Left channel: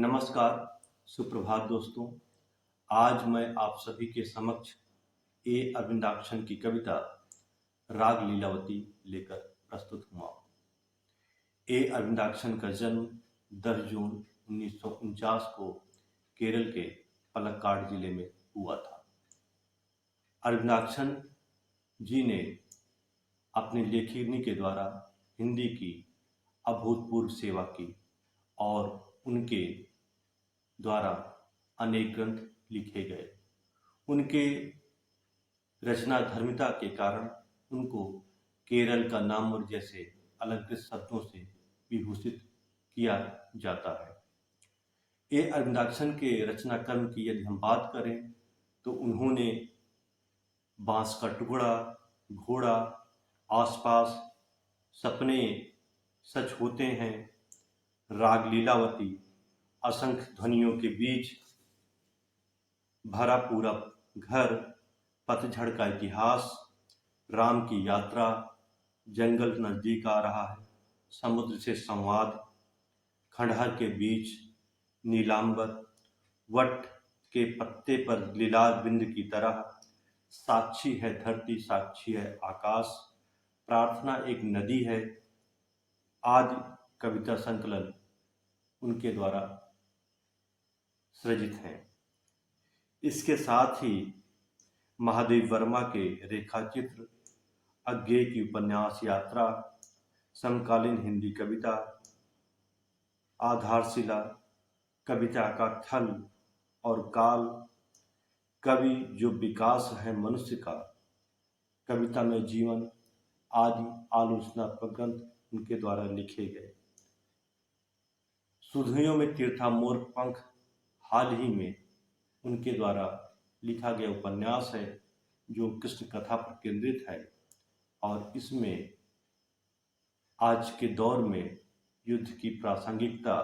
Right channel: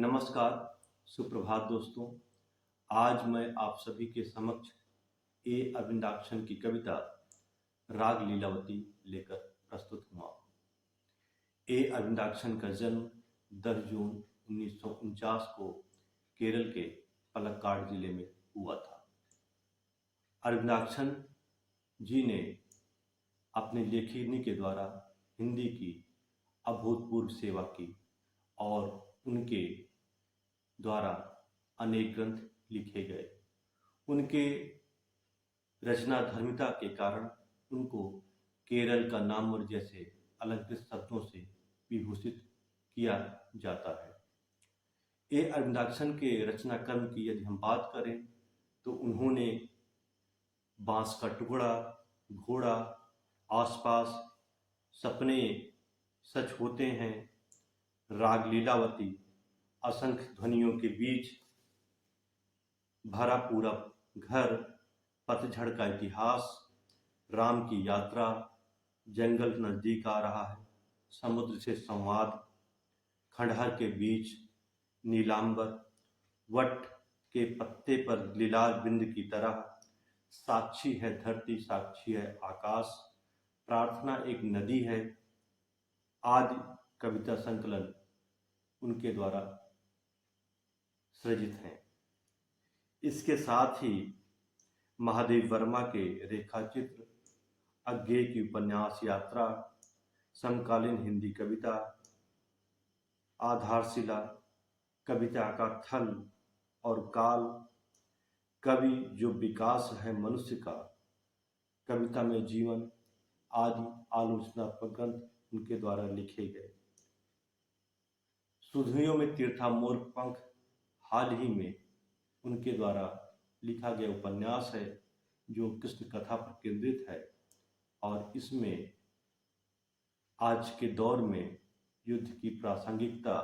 नमस्कार, सुप्रभात दोस्तों। आज मैं आप सभी के समक्ष ए अरविंदाक्षन की कविता राग लीलावती लेकर प्रस्तुत हुआ। ए अरविंदाक्षन का जन्म 10 जून 1949 को केरल के पलक्काड जिले में हुआ था। अरविंदाक्षन जी ने अपनी लेखनी के द्वारा हिंदी की अभूतपूर्व सेवा की और उनके द्वारा अनेक ग्रंथ लिखे गए। उनके रचनाधर्मिता के कारण उनको केरल का नामवर जैसे अलंकृत शब्दों से विभूषित किया जाता है। ए अरविंदाक्षन के रचना कर्म की यदि हम बात करें तो उन्होंने बांस का टुकड़ा, घोड़ा, आसपास, सपने सच होते हैं, राग लीलावती, असंख्य ध्वनियों के बीच, भरा पूरा घर, पतझड़ का इतिहास, राम की यात्रा, जंगल नजदीक आ रहा है, समुद्र से संवाद, खंडहर के बीच, नीलांबर, वट के पत्ते पर लीलार बिंद की तरह, साक्षी है धरती, साक्षी है आकाश, प्रार्थना एक नदी है, आदि कविता संकलन उनके द्वारा सृजित हैं। इसके साथ ही महादेव वर्मा के रेखाचित्र, अज्ञेय की उपन्यास यात्रा, समकालीन हिंदी कविता, आधारशिला, कविता का थल और काल, कवि जो विकास है मनुष्य का, कविता में जीवन आदि आलोचनात्मक ग्रंथ उनके द्वारा लिखे गए। सुधियों में तीर्थामोर पंख हाल ही में उनके द्वारा लिखा गया उपन्यास है जो कृष्ण कथा पर केंद्रित है और इसमें आज के दौर में युद्ध की प्रासंगिकता,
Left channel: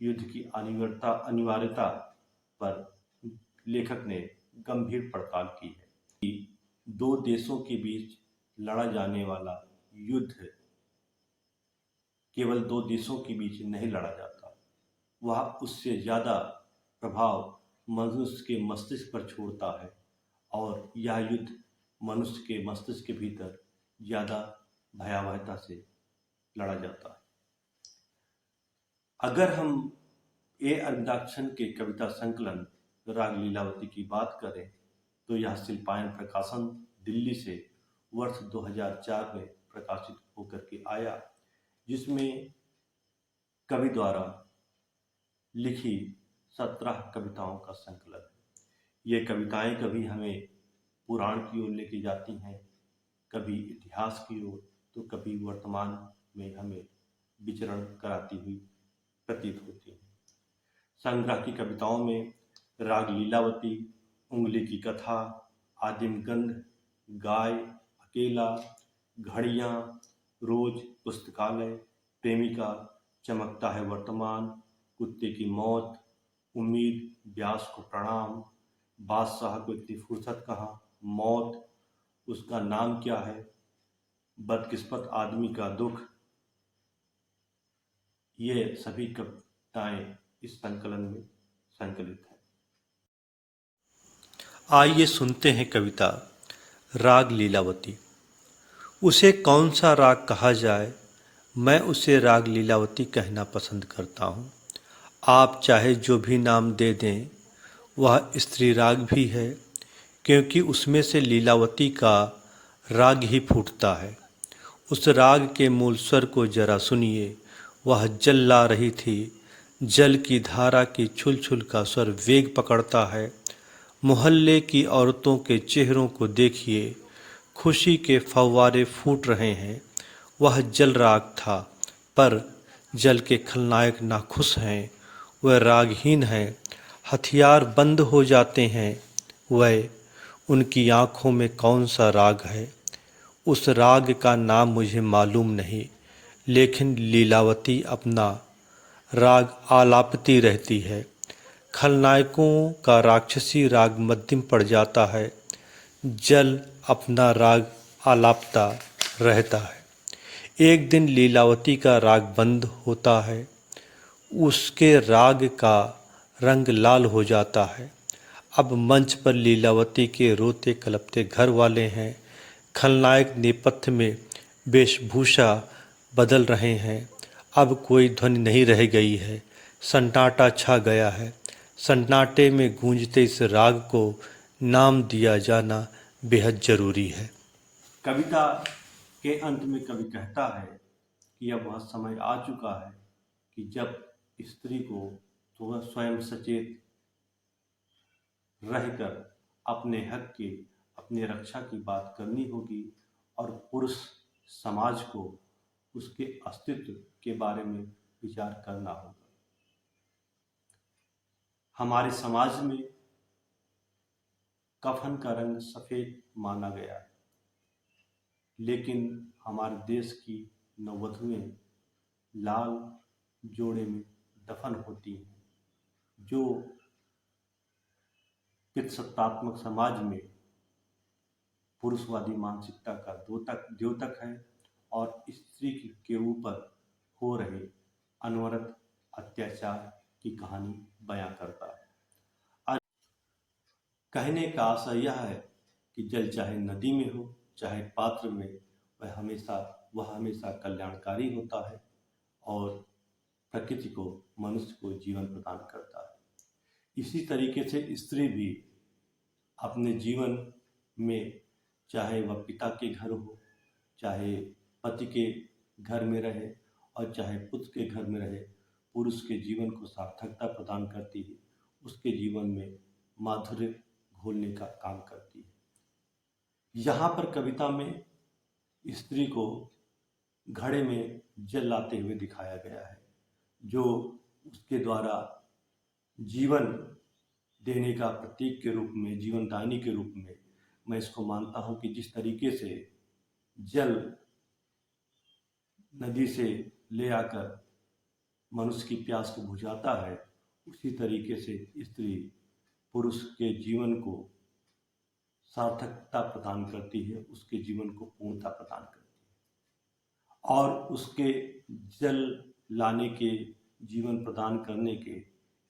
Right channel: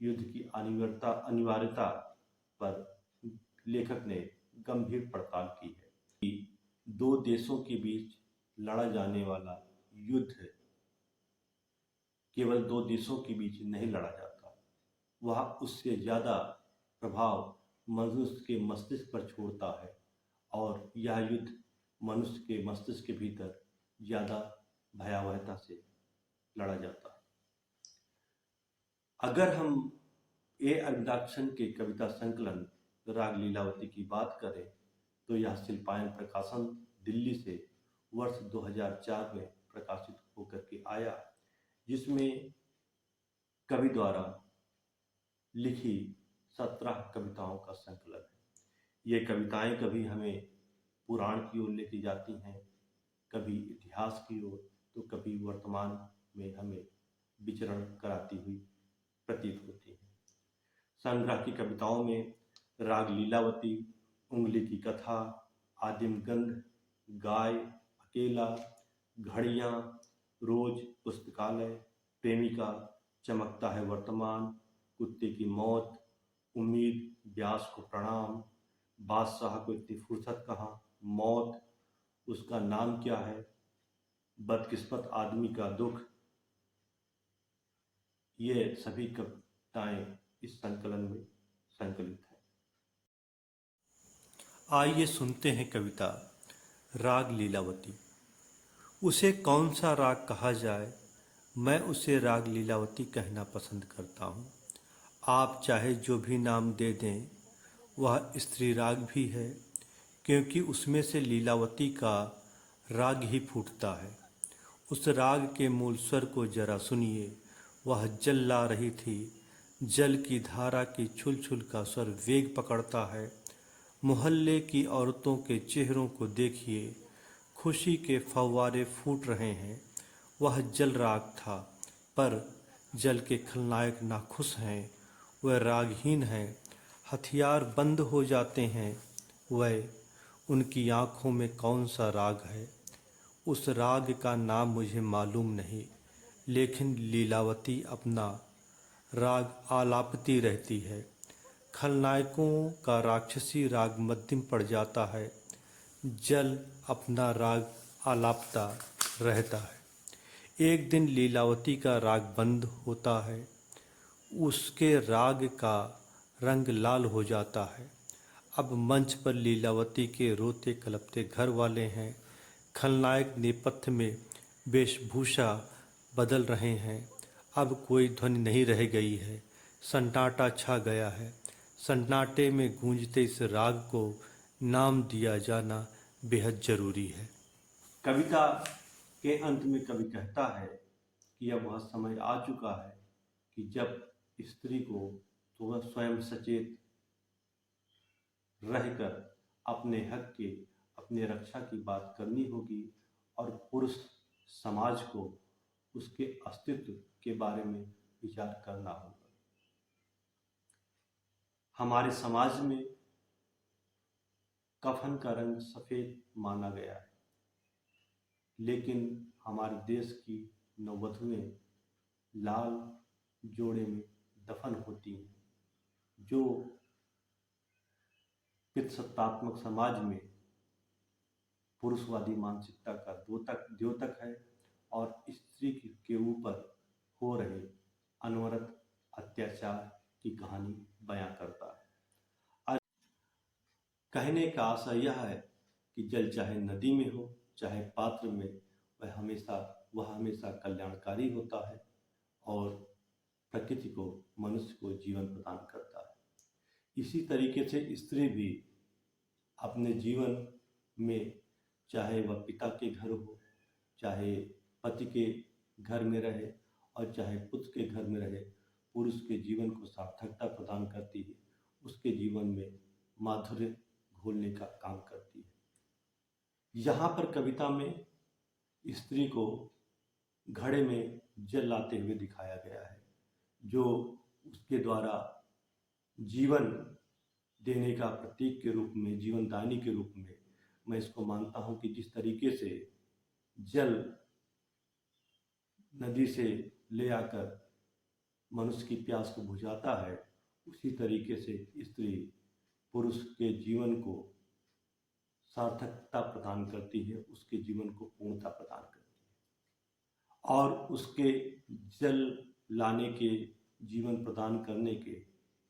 युद्ध की अनिवार्यता पर लेखक ने गंभीर पड़ताल की है कि दो देशों के बीच लड़ा जाने वाला युद्ध केवल दो देशों के बीच नहीं लड़ा जाता, वह उससे ज़्यादा प्रभाव मनुष्य के मस्तिष्क पर छोड़ता है और यह युद्ध मनुष्य के मस्तिष्क के भीतर ज़्यादा भयावहता से लड़ा जाता है। अगर हम ए अरविंदाक्षन के कविता संकलन राग लीलावती की बात करें तो यह शिल्पायन प्रकाशन दिल्ली से वर्ष 2004 में प्रकाशित होकर के आया, जिसमें कवि द्वारा लिखी 17 कविताओं का संकलन है। ये कविताएं कभी हमें पुराण की ओर लेके जाती हैं, कभी इतिहास की ओर, तो कभी वर्तमान में हमें विचरण कराती हुई प्रतीत होती हैं। संग्रह की कविताओं में राग लीलावती, उंगली की कथा, आदिम गंध, गाय, अकेला, घड़ियाँ, रोज, पुस्तकालय, प्रेमिका, चमकता है वर्तमान, कुत्ते की मौत, उम्मीद, व्यास को प्रणाम, बादशाह को इतनी फुर्सत कहाँ, मौत, उसका नाम क्या है, बदकिस्मत आदमी का दुख, ये सभी कविताएं इस संकलन में संकलित हैं। आइए सुनते हैं कविता राग लीलावती। उसे कौन सा राग कहा जाए, मैं उसे राग लीलावती कहना पसंद करता हूँ। आप चाहे जो भी नाम दे दें, वह स्त्री राग भी है, क्योंकि उसमें से लीलावती का राग ही फूटता है। उस राग के मूल स्वर को जरा सुनिए, वह जल ला रही थी, जल की धारा की छुल छुल का स्वर वेग पकड़ता है। मोहल्ले की औरतों के चेहरों को देखिए, खुशी के फव्वारे फूट रहे हैं। वह जल राग था, पर जल के खलनायक नाखुश हैं, वह रागहीन है, हथियार बंद हो जाते हैं। वह उनकी आँखों में कौन सा राग है, उस राग का नाम मुझे मालूम नहीं, लेकिन लीलावती अपना राग आलापती रहती है। खलनायकों का राक्षसी राग मध्यम पड़ जाता है, जल अपना राग आलापता रहता है। एक दिन लीलावती का राग बंद होता है, उसके राग का रंग लाल हो जाता है। अब मंच पर लीलावती के रोते कलपते घर वाले हैं। खलनायक नेपथ्य में वेशभूषा बदल रहे हैं। अब कोई ध्वनि नहीं रह गई है। सन्नाटा छा गया है। सन्नाटे में गूंजते इस राग को नाम दिया जाना बेहद जरूरी है। कविता के अंत में कवि कहता है कि अब वह समय आ चुका है कि जब स्त्री को तो वह स्वयं सचेत रहकर अपने हक की, अपने रक्षा की बात करनी होगी और पुरुष समाज को उसके अस्तित्व के बारे में विचार करना होगा। हमारे समाज में कफन का रंग सफेद माना गया है, लेकिन हमारे देश की नववधुएं लाल जोड़े में दफन होती हैं, जो पितृसत्तात्मक समाज में पुरुषवादी मानसिकता का द्योतक है और स्त्री के ऊपर हो रहे अनवरत अत्याचार की कहानी बयां करता है। कहने का आशय यह है कि जल चाहे नदी में हो, चाहे पात्र में, वह हमेशा कल्याणकारी होता है और प्रकृति को, मनुष्य को जीवन प्रदान करता है। इसी तरीके से स्त्री भी अपने जीवन में, चाहे वह पिता के घर हो, चाहे पति के घर में रहे और चाहे पुत्र के घर में रहे, पुरुष के जीवन को सार्थकता प्रदान करती है, उसके जीवन में माधुर्य घोलने का काम करती है। यहाँ पर कविता में स्त्री को घड़े में जल लाते हुए दिखाया गया है, जो उसके द्वारा जीवन देने का प्रतीक के रूप में, जीवनदायिनी के रूप में मैं इसको मानता हूँ कि जिस तरीके से जल नदी से ले आकर मनुष्य की प्यास को बुझाता है, उसी तरीके से स्त्री पुरुष के जीवन को सार्थकता प्रदान करती है, उसके जीवन को पूर्णता प्रदान करती है और उसके जल लाने के, जीवन प्रदान करने के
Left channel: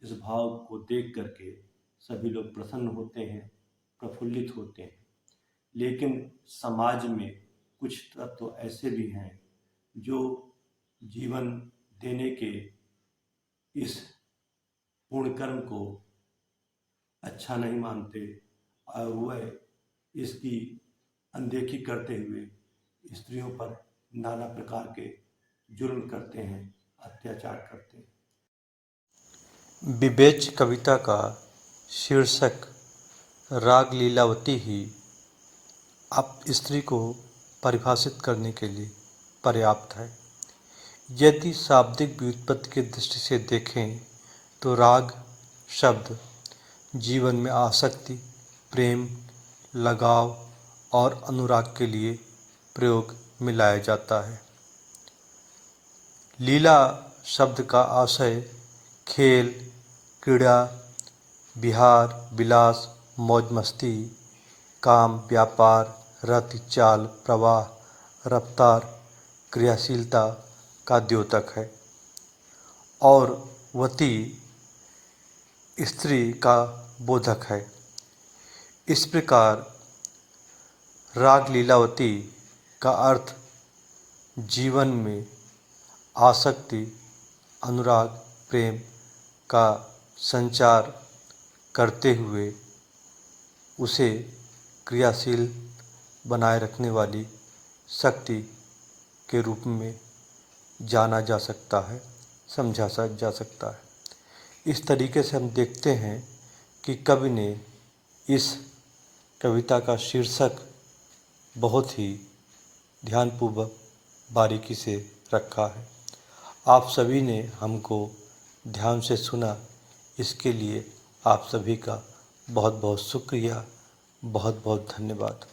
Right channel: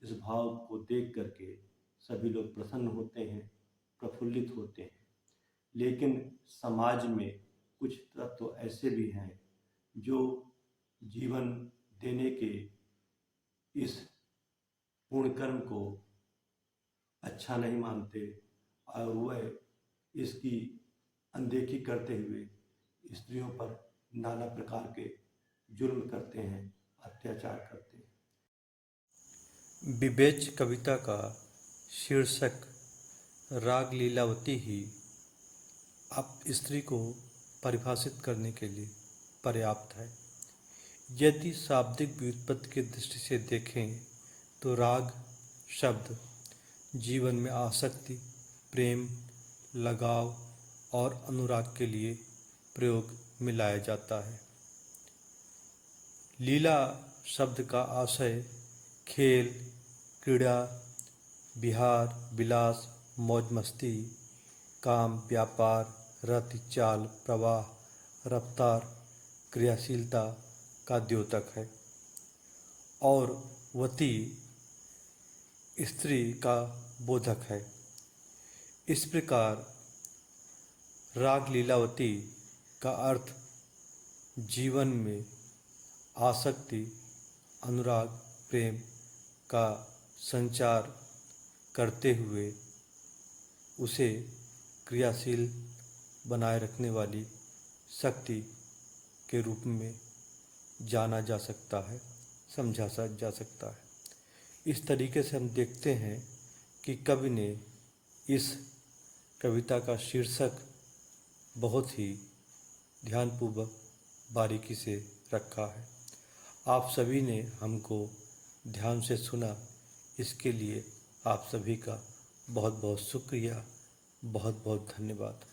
इस भाव को देख करके सभी लोग प्रसन्न होते हैं, प्रफुल्लित होते हैं। लेकिन समाज में कुछ तत्व ऐसे भी हैं जो जीवन देने के इस पूर्ण कर्म को अच्छा नहीं मानते और वह इसकी अनदेखी करते हुए स्त्रियों पर नाना प्रकार के जुल्म करते हैं, अत्याचार करते हैं। विवेच्य कविता का शीर्षक राग लीलावती ही आप स्त्री को परिभाषित करने के लिए पर्याप्त है। यदि शाब्दिक व्युत्पत्ति की दृष्टि से देखें तो राग शब्द जीवन में आसक्ति, प्रेम, लगाव और अनुराग के लिए प्रयोग में लाया जाता है। लीला शब्द का आशय खेल, क्रीड़ा, विहार, विलास, मौज मस्ती, काम, व्यापार, रति, चाल, प्रवाह, रफ्तार, क्रियाशीलता का द्योतक है और वती स्त्री का बोधक है। इस प्रकार राग लीलावती का अर्थ जीवन में आसक्ति, अनुराग, प्रेम का संचार करते हुए उसे क्रियाशील बनाए रखने वाली शक्ति के रूप में जाना जा सकता है, समझा जा सकता है। इस तरीके से हम देखते हैं कि कवि ने इस कविता का शीर्षक बहुत ही ध्यानपूर्वक बारीकी से रखा है। आप सभी ने हमको ध्यान से सुना, इसके लिए आप सभी का बहुत बहुत शुक्रिया, बहुत बहुत धन्यवाद।